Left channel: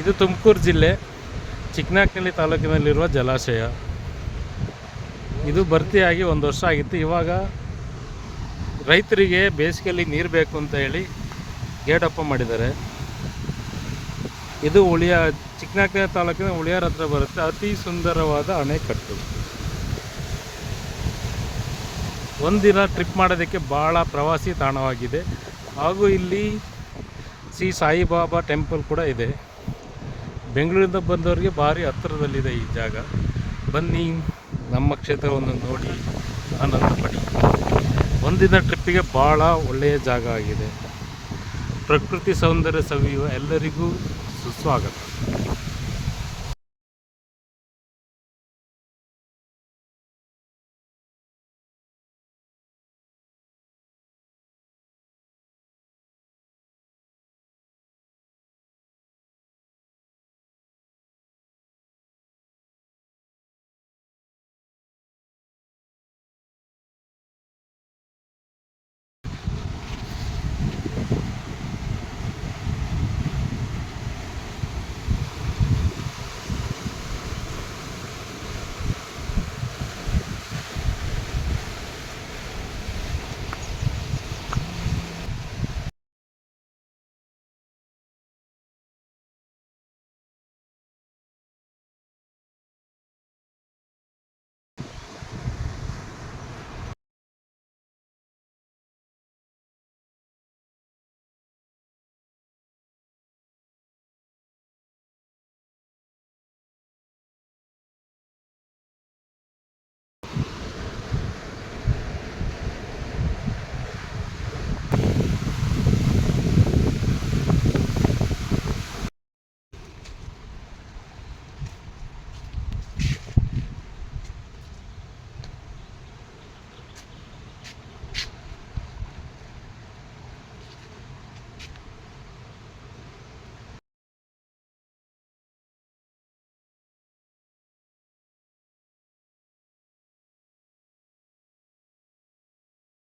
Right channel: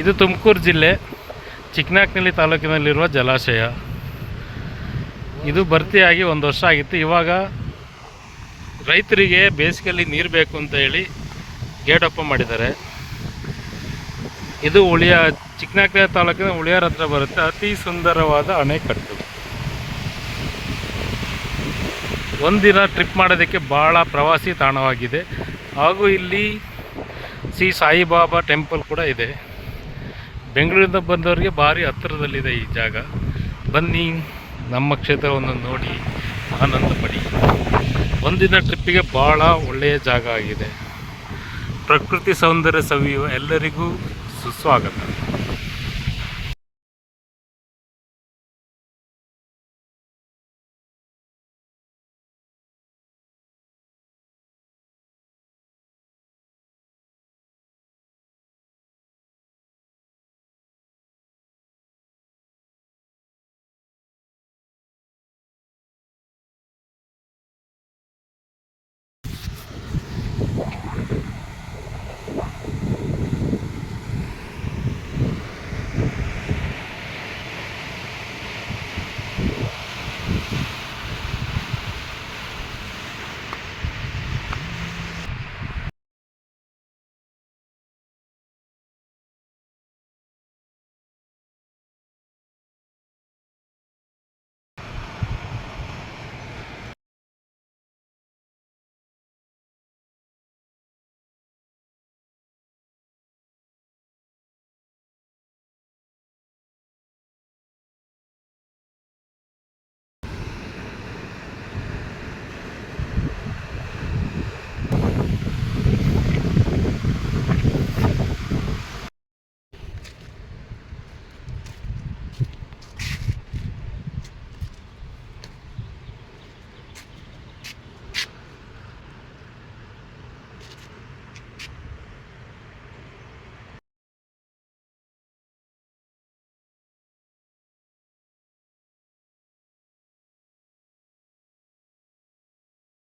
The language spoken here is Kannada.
ಇದು ತುಮಕೂರು ಜಿಲ್ಲೆ ಚಿಕ್ಕನಾಕ್ನಳ್ಳಿ ತಾಲೂಕಿನಲ್ಲಿರುವ ಜಲಾಶಯ. ಇದು ಭರ್ತಿಯಾಗಿ 1 ವರ್ಷ ಆಗಿತ್ತು. ಇವಾಗ ರೈತರಿಗೆ ಬೇಸಿಗೆಯಲ್ಲಿ ನೀರು ಬೇಕು ಅಂತ ಹೇಳಿ ಗೇಟ್ ಓಪನ್ ಮಾಡಿದ್ದಾರೆ. ಇದು ಚಿಕ್ಕನಾಕ್ನಳ್ಳಿ ತಾಲೂಕಿನ ಉಳಿಯಾರ ಹತ್ರ ಬರುತ್ತೆ. ಅತಿ ಸುಂದರವಾದ ಅಣೆಕಟ್ಟು. ಒಂದಿನ ಟ್ರಿಪ್ ಮಾಡೋದಕ್ಕೆ ಭಾಳ ಪ್ರವಾಸಿ ತಾಣವಾಗಿದೆ. ಹಾಗೂ ಇಲ್ಲಿ ಶ್ರೀ ಸಾಯಿಬಾಬಾ ಟೆಂಪಲ್ ಕೂಡ ಇದೆ. ಬೆಂಗಳೂರಿಂದ ಬಂದವರಿಗೆ ಭಾರಿ ಹತ್ತಿರದಲ್ಲಿದೆ ಈ ಜಾಗ. ಬನ್ನಿ, ನಮ್ಮ ಕ್ಷೇತ್ರವನ್ನು ನೋಡಿ ಆನಂದ ಪಡಿ. ಒಂದಿನ ಟ್ರಿಪ್ಪಿಗೆ ಭಾಳ ಒಳ್ಳೆಯ ಜಾಗ ಆಗಿದೆ. ಪ್ರಕೃತಿ ಸೌಂದರ್ಯ ಸವಿಯುವ ಎಲ್ಲರಿಗೂ ಸುಸ್ವಾಗತ.